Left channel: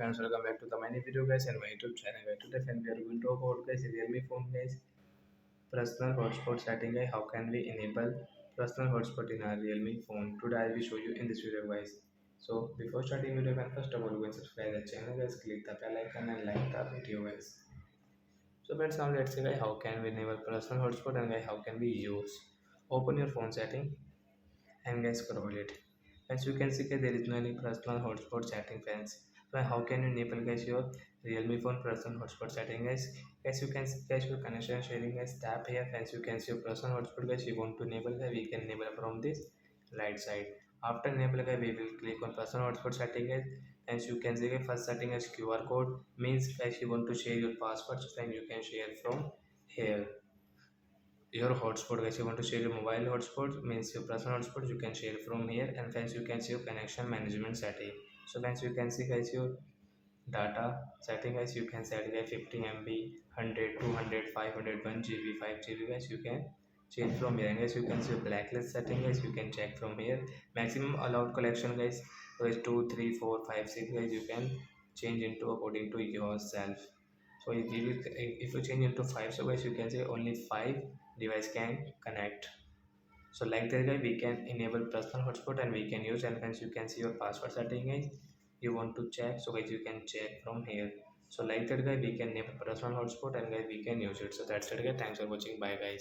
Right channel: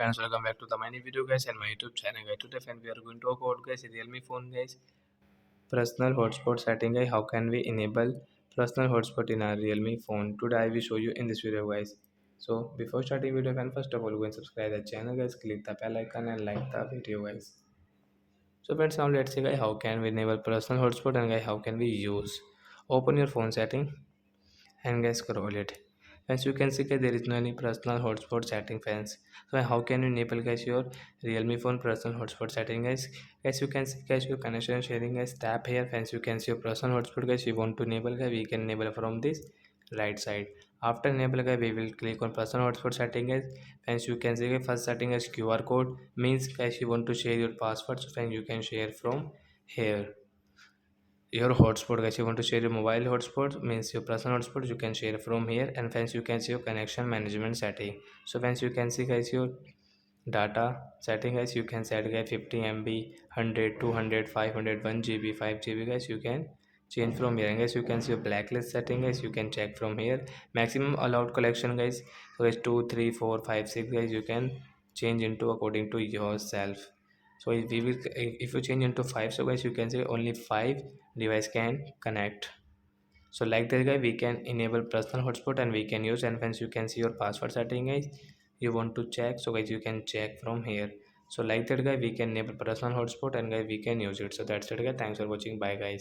friends, welcome back to the many video guys and my YouTube channel guys. Today friends, we are going to talk about guys realme phone guys, personal hotspot setting guys. How can we enable personal hotspot in our realme phone? Today I will show you in this video guys. So before starting video friends, first of all go and subscribe the channel guys, click the bell icon and like the video guys. So friends, now let's see guys how can we enable personal hotspot and guys how can we use. Open your phone setting and guys scroll it. As you can see guys, there is no any personal hotspot setting friends. So how can you enable guys your realme phone personal hotspot setting guys? As you can see guys, your connection sharing guys, tap here friends, you can see your personal hotspot guys. You want to enable guys, we can enable from this right side. After enable guys, we will click on personal hotspot setting guys. Friends, you can see guys, first setting is QR code, means guys you want to share your password, so friends you can share from here. Your hotspot guys, you want to share your mobile hotspot, means your personal hotspot, you can share from here. And friends, you can see your connection management setting. So friends, you can see guys your data setting guys, you can set guys 50 MB, 100, 200, 500, 1 GB, 5 GB guys, you can change from here. And guys, you can see your blacklist setting guys, you can check from here. Maximum allowed collection guys, so guys 2 3 4 5 6 guys, you can change into according to yourself. So if you change into 5, so guys you can say only 5 device can connect. So like that guy, we can enable personal hotspot and we can use. And once you can see your password setting guys, you want to check, so guys you can check from here. So like that guy, we can enable personal hotspot and guys we can use it. So that's it guys, thanks for watching, bye guys.